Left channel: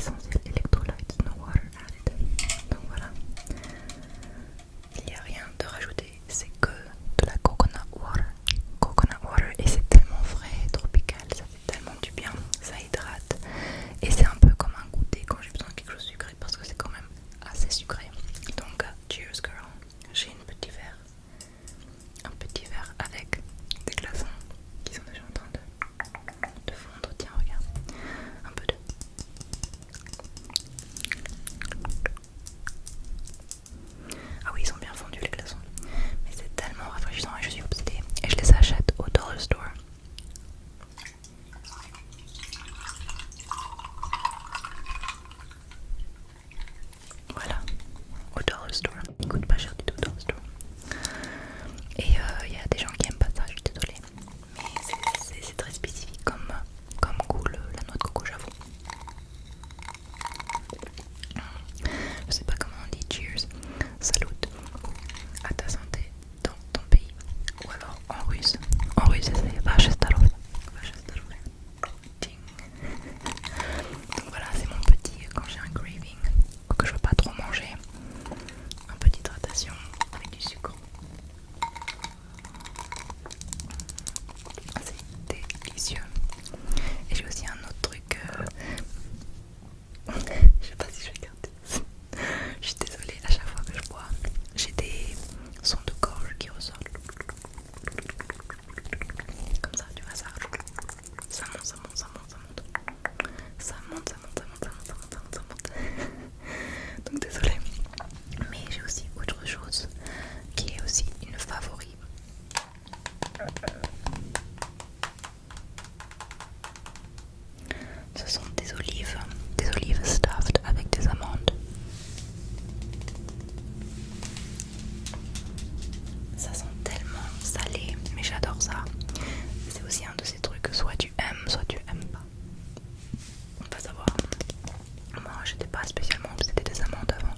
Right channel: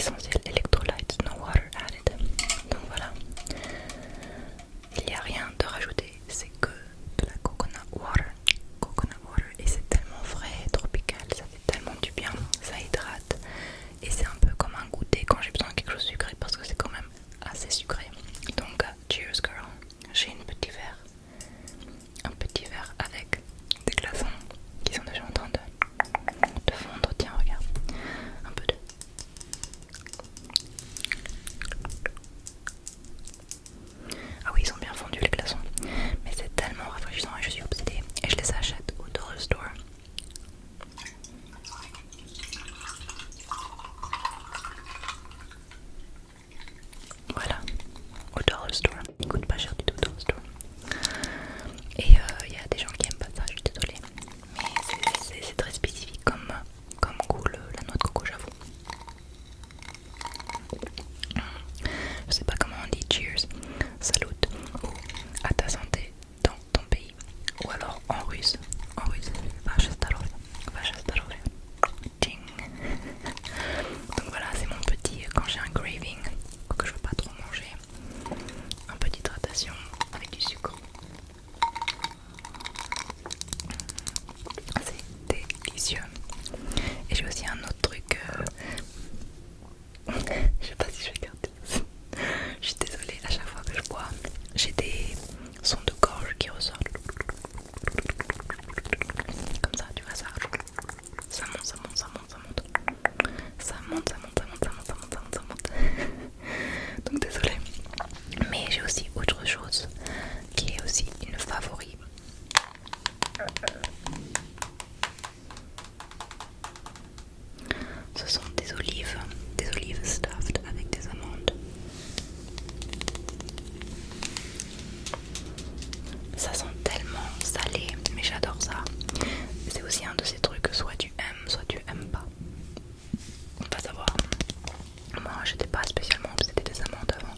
essentiel electrolytes, no water added. Donc voilà, il n'y a rien de rajouté, c'est que de la coconut water, et c'est tellement frais, tropical, ça fait tellement du bien, ça hydrate, et c'est un peu comme un goûter quand j'ai besoin de quelque chose de sucré parce que c'est quand même assez sucré. Donc cheers girl, j'ai un petit verre avec des glaçons qui sont déjà en train de fondre. Tiens regarde, un peu de... Ah oui, ils sont bien fondus les glaçons, mais c'est tellement rafraîchissant et je suis obsédée et je les achète au dollar store. Voilà, au dollar store. Ils coûtent pas cher du tout au dollar store. Et il y a des gens qui aiment pas ça, je suis désolée. Mais c'est très spécifique comme goût, la noix de coco, j'avoue. Je sais pas comment on dit cheers, salut ou à ta santé dans ton pays. Ou alors en russe c'est vache starove. Ding. Donc voilà, c'est mon petit, quand j'ai un craving, que je veux pas trop manger, un peu d'hydratation avec du sucre. C'est délicieux. Et j'ai aussi un autre truc, je sais pas si je vais garder. Je suis désolée, à chaque fois que je bois, j'ai des sons de gorge qui ressortent. Comme ça, tu vois ça. Ça monte, ça monte, ça monte, ça monte. Ça monte, ça monte, ça monte, ça monte, ça monte, ça monte, ça monte. Donc désolée. Mais j'ai aussi autre chose qui est aussi une favori. Ce sont des olives stuffed avec des amandes. Ça sent tellement salé, mais j'adore ça. C'est aussi un de ces trucs que soit tu aimes, soit tu aimes pas. On va savoir. Moi, j'étais pas spécialement obsédée des amandes avant.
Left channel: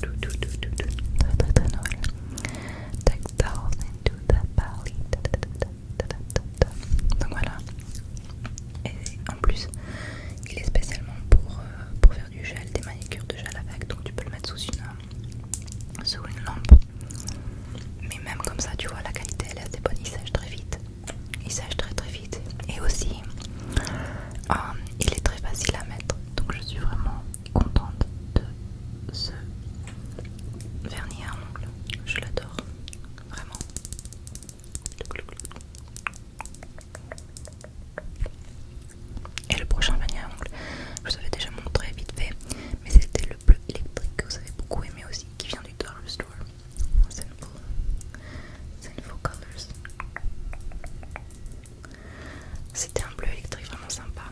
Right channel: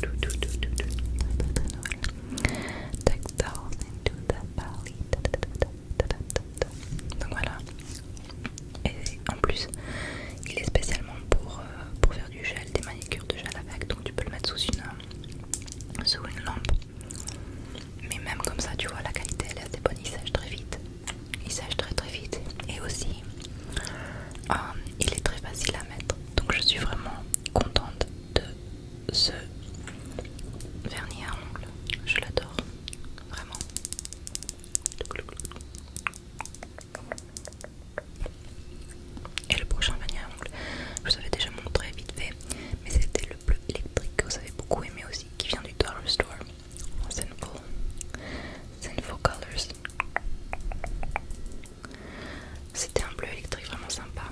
très très Noël. Textiles into the valley. Donc voilà. Et en plus, il est spécialement pour faire du gel, des manicures de gel avec, donc tu peux le mettre sous une lampe. Mais même comme ça, tu vois, la qualité elle est assez bonne, il sèche très vite. Il sèche très très vite. Et aussi, il est très facile à mettre. Donc je suis vraiment contente de ce vernis à ongles. Je l'adore, vraiment. Et le prochain vernis à ongles, je vous avais déjà montré vite fait, mais c'était le bleu électrique que vous avez beaucoup aimé aussi, qui vient du Dollar Store. Sinful Colors. C'était un bleu électrique vraiment sympa.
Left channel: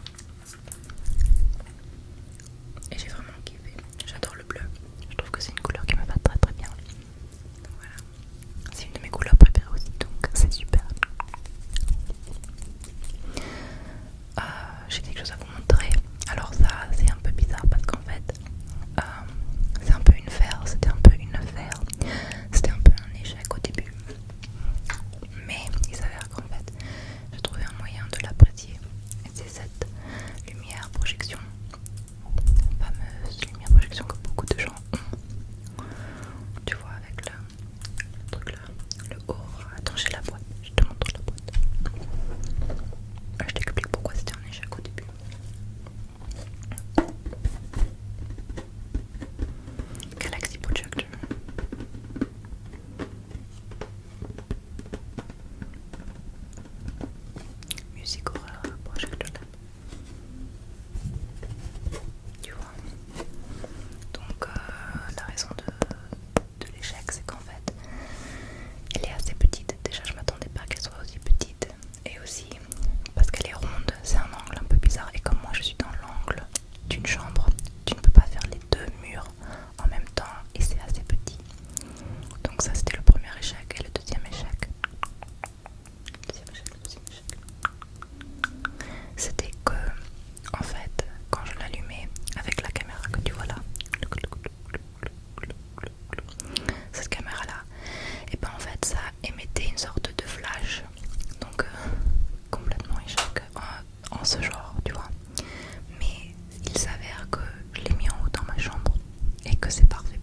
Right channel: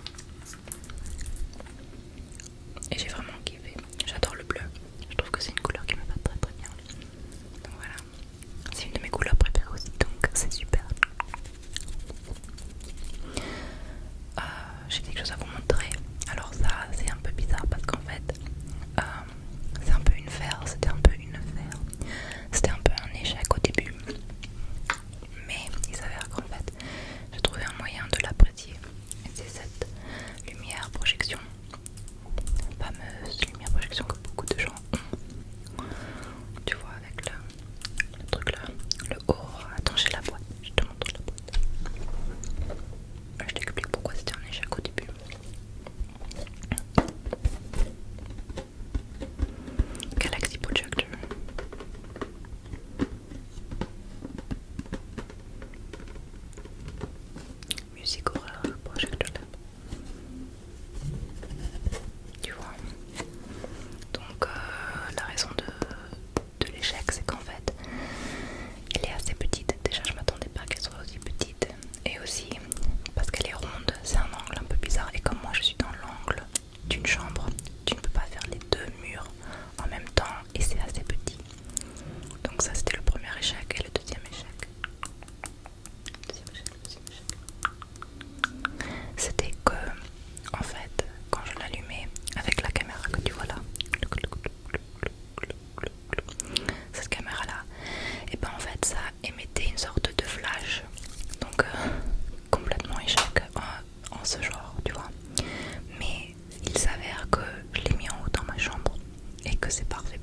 Et j'ai vraiment kiffé. J'adore le bleu. Je trouve que c'est une couleur qui me va très très bien. Donc voilà. C'est une de mes couleurs préférées aussi, donc c'est super. J'ai quelque chose à vous montrer. Alors ça, c'est un peu bizarre parce qu'en fait, c'est un peu une affaire. C'était un peu un échec au début. Mais il s'avère qu'en fait, j'ai trouvé un moyen de l'apprécier. Et c'est cette lumière projection. Fameuse lumière projection que beaucoup de gens ont. Tu vois, avec le truc là, le haut. Attends, j'ai la boîte, je te montre la boîte. Je t'explique pourquoi c'était un échec au début. Galaxy Projector. Music Horror Projector Lab. Tu vois. Donc la raison de l'échec, c'est qu'en fait elle est assez petite. Déjà je m'attendais pas qu'elle soit aussi petite. Et aussi parce qu'elle est ronde, c'est un angle un peu bizarre. Et comme moi je suis dans l'angle d'une chambre, tu ne peux pas faire les deux murs en même temps et c'est assez petit. Donc ça c'était le premier échec. Et le deuxième échec, c'était que en fait quand je l'allumais avec la caméra que tu vois là, cette caméra là, et ben en fait ça émettait une sorte de flash. Donc complètement échec en ce genre, tu vois. Mais il s'avère que je l'ai mis en haut dans ma chambre et que c'est parfait